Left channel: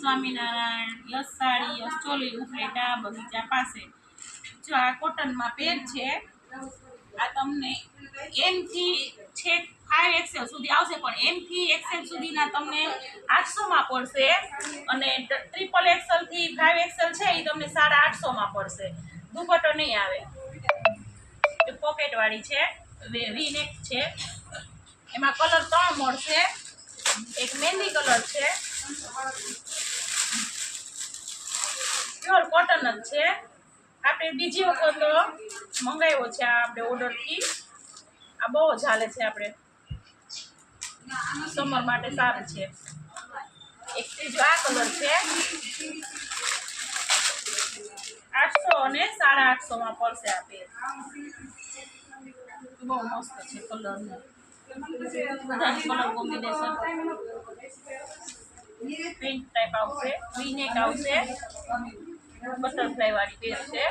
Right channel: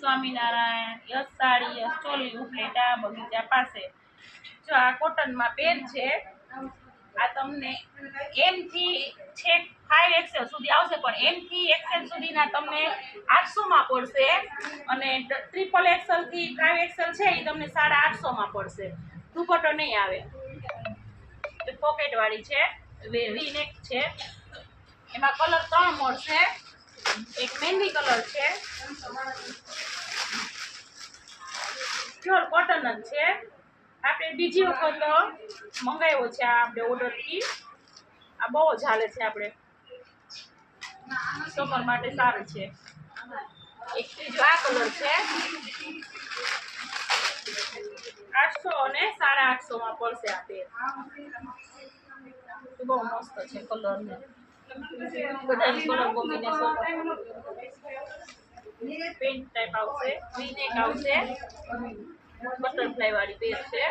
Swaminarayan. Yes sari, yes choli, Upleta બગીચા પાસે. જો આ કોટનમાં પેર છે. આ તમને એમ થી છેક 5XL સુધી આવશે, પણ એમ થી XL સુધીના તમને 800 માં પડશે, અને XXL થી 5XL છે એ તમને 850 માં પડશે. દુપટ્ટો નહીં આવે. પોકેટ વાળી છે, વી નેક છે. એમાં કલર 3 મળશે. એક મહેંદી કલર છે, પ્યોર કોટન જ છે. આપણે બીજી વખત મંગાવ્યો છે આ આપણે ઓર્ડરથી. આ બહુ જ હાલે છે, આપણે સમર માટે સારું છે. એક ત્રીજો આ કલર છે, 800 અને 850 માં પડશે આ પેર. બહુ મસ્ત છે કલર ને બધા કલર કોમ્બિનેશન. પેન્ટ ટાઈપ આવશે, વી નેક આવશે, બટરફ્લાય વાળી પેર છે.